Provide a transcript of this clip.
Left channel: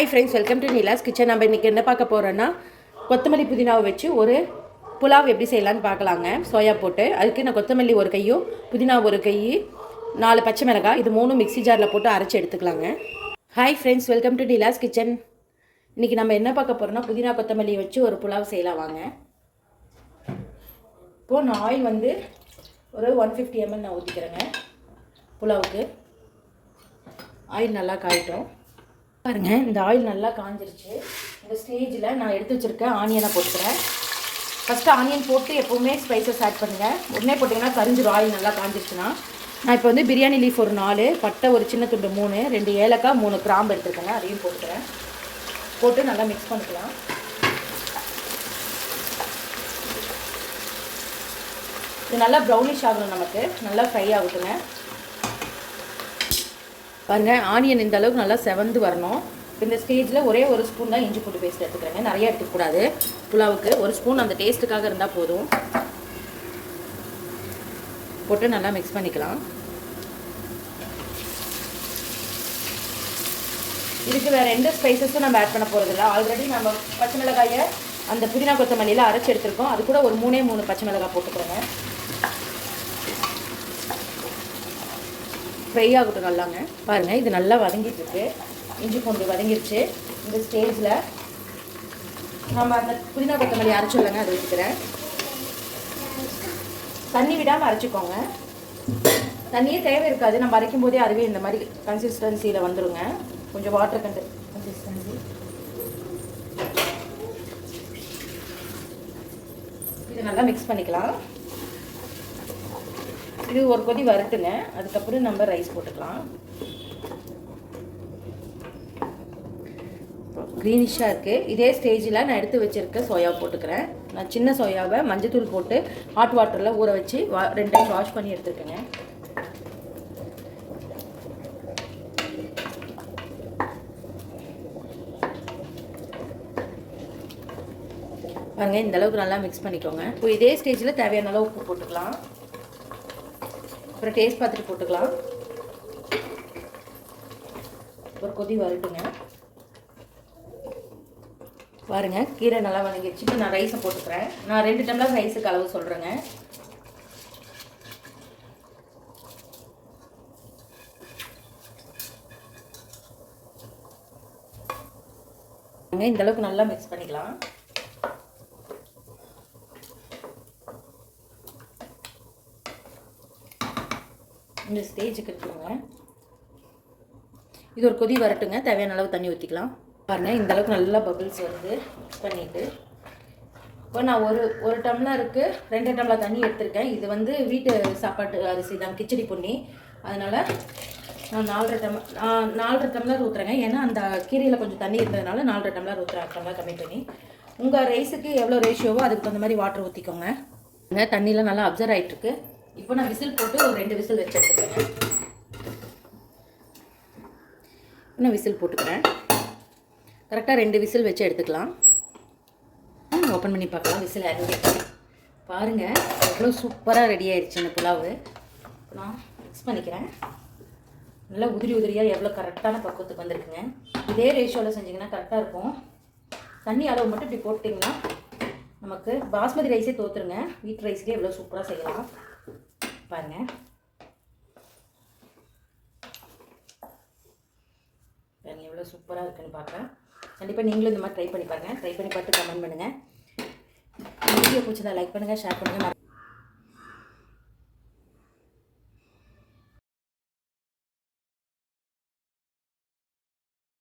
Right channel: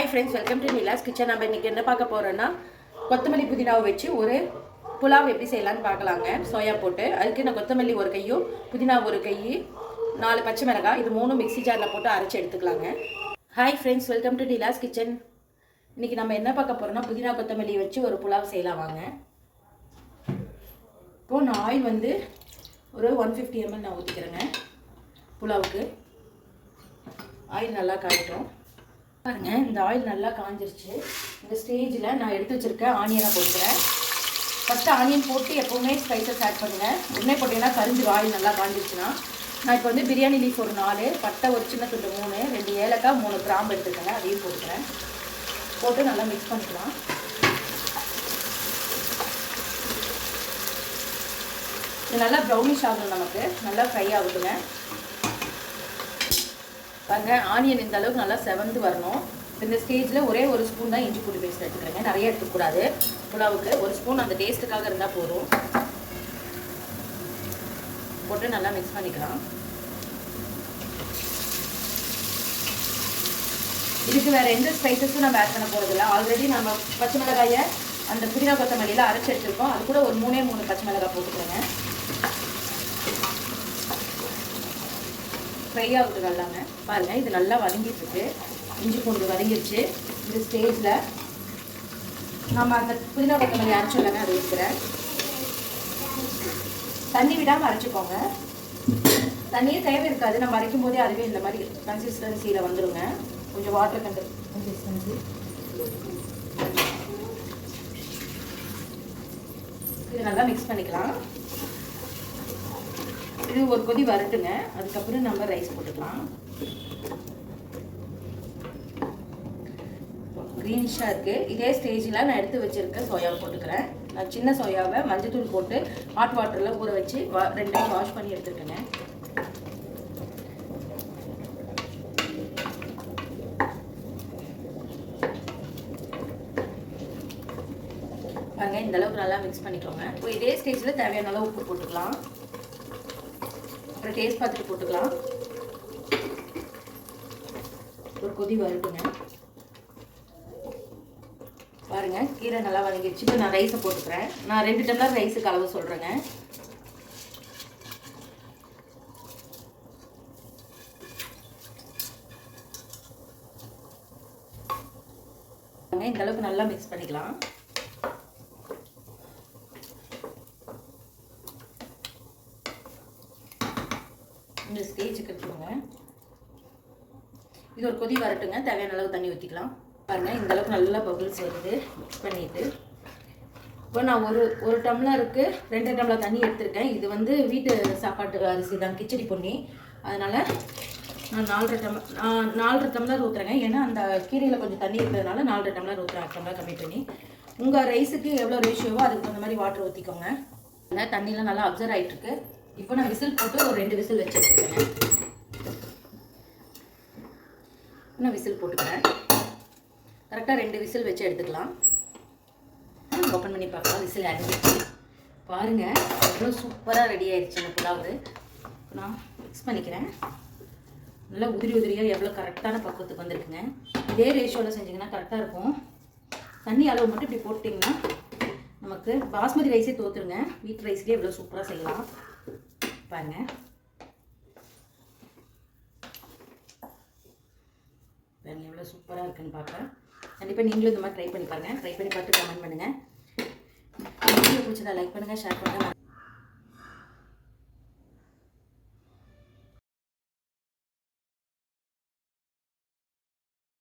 Hi friends, welcome to Nila's kitchen. நம்ம இன்றைக்கி என்ன பார்க்க போகிறோன்னா, கொத்தமல்லி புதினாவை வச்சு ஒரு புலாவ் எப்படி செய்யலான்னு பார்க்கலாங்க. சோயா போட்டு அதுக்கு நான் கொத்தமல்லி ஒரு கையும் புதினா ஒரு கை 4 பச்சை மிளகாய் இது 3 மிக்ஸி ஜாரில் போட்டு அரைச்சி எடுத்துக்கலாங்க. Hi friends, welcome to Nila's kitchen. இன்றைக்கி நம்ம என்ன பார்க்க போகிறோன்னா, புதினா கொத்தமல்லி வச்சு ஒரு புலாவ் செய்யலாம் வாங்க. இப்போது நான் ஆயில் வந்து ஒரு 150 ml நான் ஊற்றிக்கிறேங்க. புலாவுக்கு ஆயில் நல்லா காயிட்டோம் பாருங்கள். இந்த ஆயில் நல்லா காஞ்சிருச்சு. இந்த ஸ்டேஜில் நான் எடுத்து வச்சுருக்கேன் ஆனியனை போட்டுக்கிறேன். ஃபஸ்ட்டு ஆனியன் போட்டு எப்போவுமே ஸ்பைசஸ் ஆட் பண்ணுங்கள். உடனே போட்டிங்கன்னா கரிஞ்சிடும். ஆயில் நல்லா காஞ்சிருச்சுன்னா நான் இப்போ வந்து பிரியாணி லீஃப் ஒரு 4, பட்டை ஒரு சின்ன துண்டு 3, 2 ஏலக்காய் 3 கிராம்பு எடுத்துருக்கேங்க. அதையும் போட்டுக்கிறேன். போட்டு நல்லா மிக்ஸ் பண்ணிக்கலாம். இது நல்லா ப்ரௌனிஷ் ஆகணும், நமக்கு நல்லா ஃப்ரை ஆகுதுங்க. பாருங்க, ஆனியன் இந்த அளவுக்கு நல்லா செவந்து வரணும். இந்த ஸ்டேஜில் ஒரே ஒரு ஸ்பூன் தான் இஞ்சி பூண்டு பேஸ்ட் எடுத்துக்கிறேங்க. நிறைய எடுத்துக்கூடாது. புலாவுக்கு ஒரு ஸ்பூன் அந்த டேஸ்ட்டுக்காக இருந்தால் போதும். போட்டு நல்லா மிக்ஸ் பண்ணிக்கலாம். இதுக்கு வேறு எந்த ஸ்பைசஸும் நம்ம ஆட் பண்ண போகிறதில்ல. ஆல்ரெடி நம்ம பச்சை மிளகாயை அந்த புதினா கொத்தமல்லியில் அரைச்சி எடுத்துருக்கோம். அது கூட ஒரு 3 பச்சை மிளகாய் போட்டுக்கோங்க. ஃப்ரை ஆகட்டும் நல்லாங்க. பாருங்கள், இது நல்லா வதங்கிட்டுருக்கு. இஞ்சி பூண்டு வதங்கிடுச்சு. இந்த ஸ்டேஜில் நம்ம அந்த புதினா கொத்தமல்லி அரைச்சிடலாங்க. அதை வைக்கிறேன். தண்ணி விடாமல் அரைச்சிக்கோங்க. தண்ணியே தேவை இருக்காது. நம்ம அரைக்கும் போதே அதுவே இந்த மாதிரி கன்சிஸ்டன்சியில் வந்துடுங்க. கொஞ்சம் வாட்டர் கன்சிஸ்டன்சி. இது நல்லா மிக்ஸ் பண்ணிக்கலாம். இது ஒரு கொதி வரட்டுங்க. அதுக்கப்புறம் நம்ம ரைஸ் போட்டுக்கலாம். க்ரீனிஷாக இருக்குது. இதே ஸ்டேஜில் நான் எடுத்து வச்சுருக்க சோயா போட்டுக்கிறேன். நான் சின்ன சோயாவை மஞ்சத்தூள் போட்டு ஹாட் வாட்டரில் ஊற வச்சு 2 டைம் வாஷ் பண்ணி எடுத்துருக்கேங்க. வாங்க, இந்த அளவுக்கு நல்லா மிக்ஸ் பண்ணிக்கோங்க. இப்போ இதே ஸ்டேஜில் தேவையான அளவு உப்பு போட்டுக்கலாம். அப்புறம் டேஸ்ட் பார்த்துட்டு போட்டுக்கலாம். ஒரு கொதி வரட்டுங்க. பாருங்கள், கீரை நல்லா வதங்கிடுச்சு. நான் ரைஸை போட்டுக்கிறேன். நான் 2 டம்ளர் ரைஸுக்கு அளவு சொல்கிறேங்க. இந்த அளவுக்கு நல்லா மிக்ஸ் பண்ணிக்கலாம். இந்த ஸ்டேஜுக்கு எடுத்துக்கோங்க. இது ஒரு கொதி வரட்டுங்க. தேவையான அளவு தண்ணி ஊற்றிக்கலாம். பாருங்கள், இந்த அளவுக்கு நல்லா பபிள்ஸ் வருது. மிக்ஸ் பண்ணிவிட்டு இப்போ நான் ஒரு டம்ளருக்கு 2 டம்ளர் தண்ணி எடுத்திருக்கேன். இது வந்து வீட்டு சாப்பாட்டு அரிசி தான், கிச்சடி பொன்னி. அதனால் நான் 4.5 டம்ளர் ஊற்றுறேங்க. ஏன்னா அந்த கீரையில் கொஞ்சம் தண்ணி இருந்ததுனால 4 டம்ளர் ஊற்றுறேன். டம்ளர் கம்மி பண்ணி உங்கள் ரைஸுக்கு எவ்வளோ ரேஷியோவோ அதுக்கு தகுந்த மாதிரி வாட்டர் ஊற்றிக்கோங்க. தண்ணியில் நல்லா அப்சர்வ் ஆகிட்டுருக்கு. இப்போ நான் விசில் போட்டு ஒரு 2 விசில் வச்சு எடுத்துக்கிறேன். நான் விசில் போட்டுக்கிறேன். கரெக்டாக 2 விசில் வச்சு எடுத்துக்கலாம். ஓப்பன் பண்ணி பார்க்கலாம். விசில் இறங்கி பாருங்கள், அவ்வளோ சூப்பராக ரெடி ஆகிடுச்சு இந்த புலாவு. நான் மிக்ஸ் பண்ணிக்கிறேன். நல்லா உதிரியாக எவ்வளோ கரெக்டான பக்குவத்துக்கு வந்துருக்குங்க. இதே ரேஷியோவில் செஞ்சிங்கன்னா கரெக்டாக இருக்கும். தண்ணி அளவு மட்டும் இப்படி போட்டிங்கன்னா நமக்கு பாஸ்மதி ரைஸே தோற்றுருங்க. வீட் ரைஸ்லேயே எவ்வளோ சூப்பராக செய்யலாம் பாருங்கள். பாருங்கள் எவ்வளோ சூப்பராக இருக்குன்னு பார்க்குறேன். கண்டிப்பாக நீங்களும் இந்த மாதிரி ட்ரை பண்ணி பாருங்கள். ட்ரை பண்ணி பார்த்து கமெண்ட் பண்ணுங்கள். வீடியோ பிடிச்சதா லைக் பண்ணுங்கள், ஷேர் பண்ணுங்கள்.